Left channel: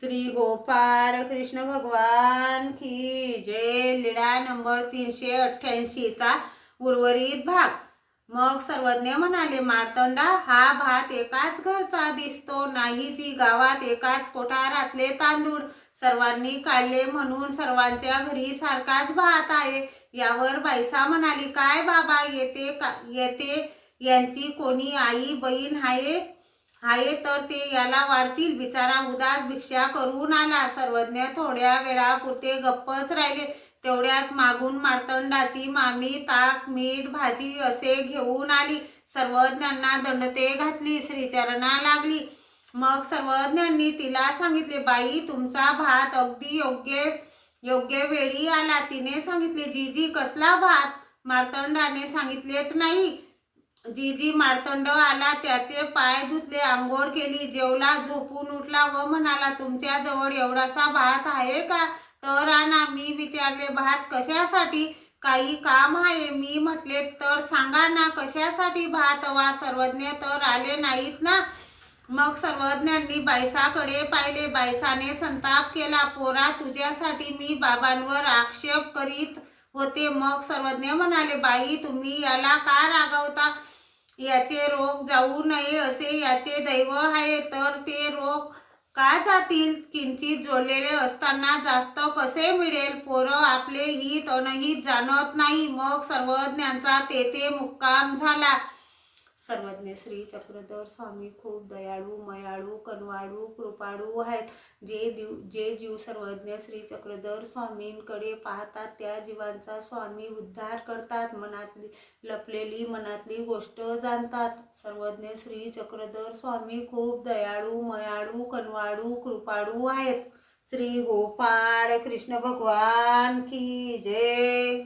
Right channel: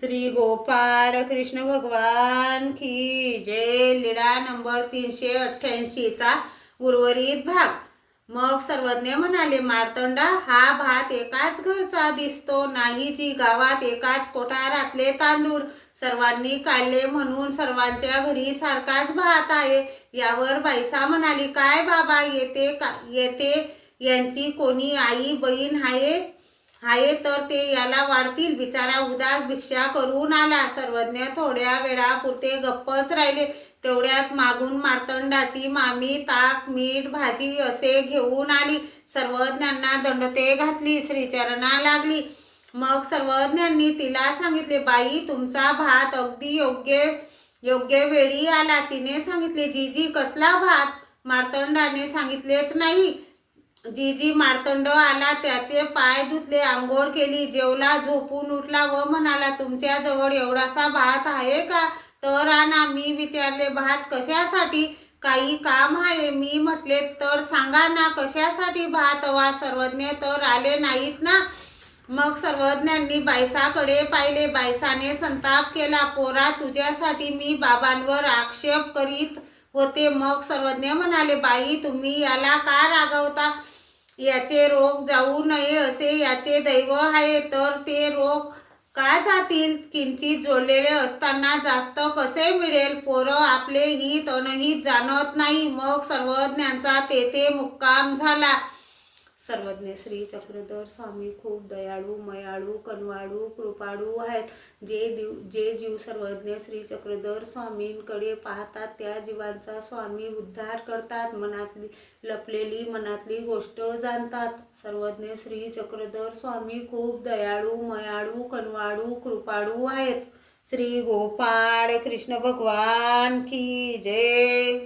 श्री गोपाळ कृष्ण भगवान की जय। लीळा नंबर 388 चा उर्वरित भाग। मग सर्वज्ञ म्हणाले, मार्तंडा, हा भात एकाच घरचा दिसतो नाही जी गावात एकाच कोठारातले तांदूळ सर्वांनी काढले म्हणून सर्वांच्या घरी सारखाच भात आहे। यावर बाईसा म्हणाली, काय बाबा, येते यांची कोणी आई बहीण आहे तर ते याला वाढतील। बिचारा उदास भिक्षा करून आला। सर्वज्ञ थोड्या वेळापुरते गप्पच राहिले। तेवढ्यात मागून मार्तंडाची मामी ताक मीठ भाजी असे घेऊन आली। सर्वज्ञांना दंडते घातली, श्रीचरणा लागली। मग सर्वज्ञांनी तिला सांगितले, बाई, तुमचा भात अगदी योग्य वेळी आला। तिने सांगितले, जीजी, कसला भात? मार्तंडाने सांगितलेच नाही। जीजी मार्तंड आला, त्याचे पाय धुतले, आंघोळ केली, जेवला, झोपून उठला व म्हणाला, तुमच्याजवळ एवढासा भात आहे का? तर आणा। मी विचारले, भात कशासाठी? काही काम आहे? मी म्हटले, तर सांगा ना, कशासाठी भात हवा? सर्वज्ञ तर आले नाहीत ना? मग सर्वज्ञांनी बाईसाकडे पाहिले। बाईसाने संताप केला, पोरा, तुझ्यासाठी मी बाबांवर आक्षेप करीत होते। मग सर्वज्ञ म्हणाले, बाई, तुम्ही याला का रागवता? याचे रोग जाऊ नये असे याचे दैव आहे, तर ते रोग का जातील? किंचित जोडलेले असताना जास्त कसे मिळेल? पोरं आपले हित अनहित जाणत नाही। मग सर्वज्ञांचा तेथे मुक्काम झाला। सर्वज्ञ श्री चक्रधर स्वामी खूप दयाळू, मयाळू, कनवाळू, कृपाळू आहेत। जे जीव सर्वज्ञ श्री चक्रधर स्वामींकडे पाहतात त्या जीवांचा स्वामी उद्धार करतात, लपलेली मनातली गोष्ट जाणतात। सर्वज्ञ श्री चक्रधर स्वामी खूप दयाळू, मयाळू, कनवाळू, कृपाळू आहेत। श्री गोपाळ कृष्ण भगवान की जय।